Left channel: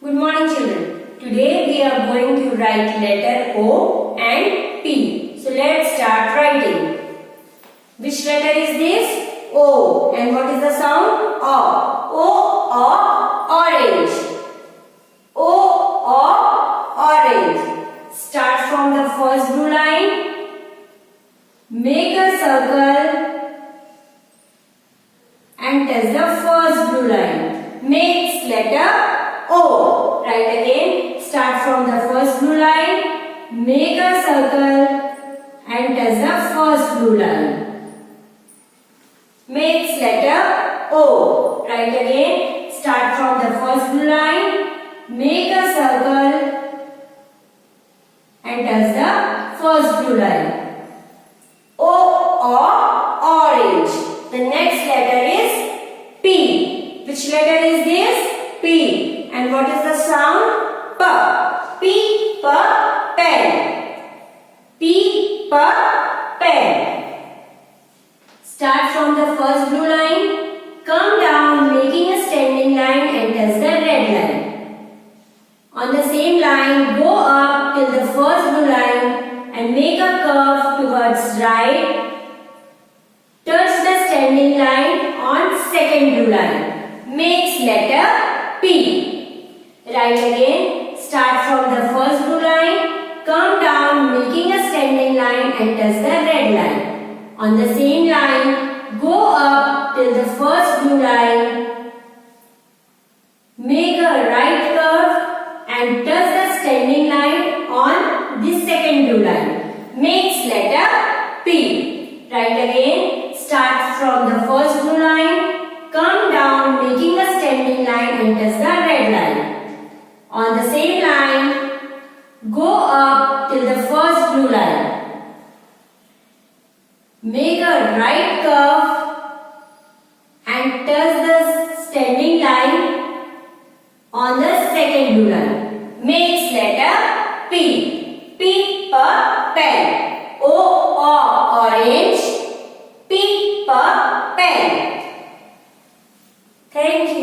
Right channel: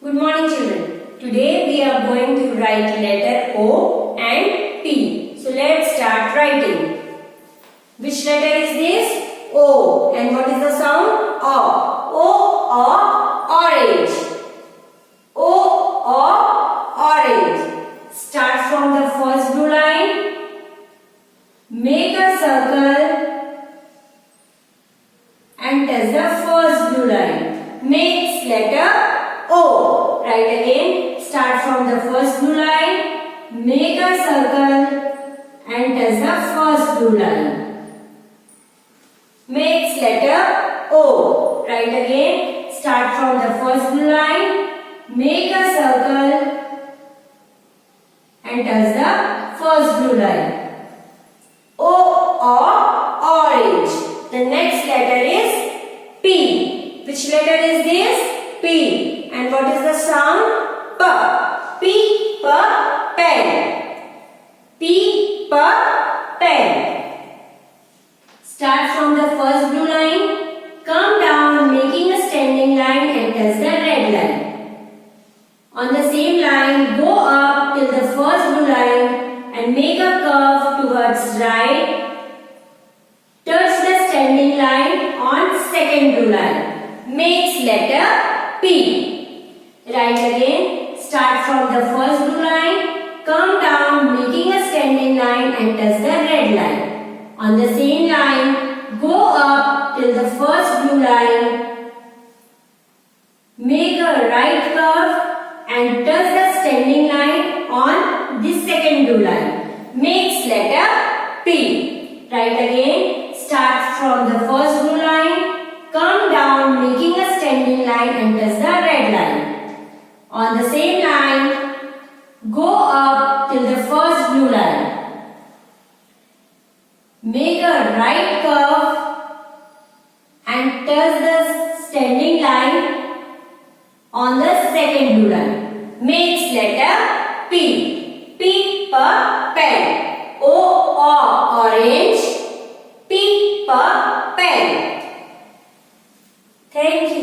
Good morning children. Today we are going to write letter O and P. So let's start writing. Which letter is this? O. And what is the sound? O. O of orange. O of orange. Start from the first blue line. Make a circle and touch the first blue line. Makes letter O. Write again. Start from the first blue line. Make a circle and touch the first blue line. Makes letter O. Write again. Start from the first blue line. Make a circle and touch the first blue line. O of orange. The next letter is P. Which letter is this? P. And what is the sound? P. P for pen. P for pen. Start from the first blue line. Come down making a standing line and touch the red line. On the same line, go up till the first blue line and make a curve towards right. Touch the standing line on second blue line. Makes letter P. Write again. Start from the first blue line. Come down making a standing line and touch the red line. On the same line, go up till the first blue line. Make a right curve and touch the standing line on the second blue line. Makes letter P. Write again. Start from the first blue line. Come down making a standing line and touch the red line. On the same line, go up till the first blue line. Make a right curve and touch the standing line on the second blue line. Makes letter P. P for pen. O of orange. P for pen. Thank you.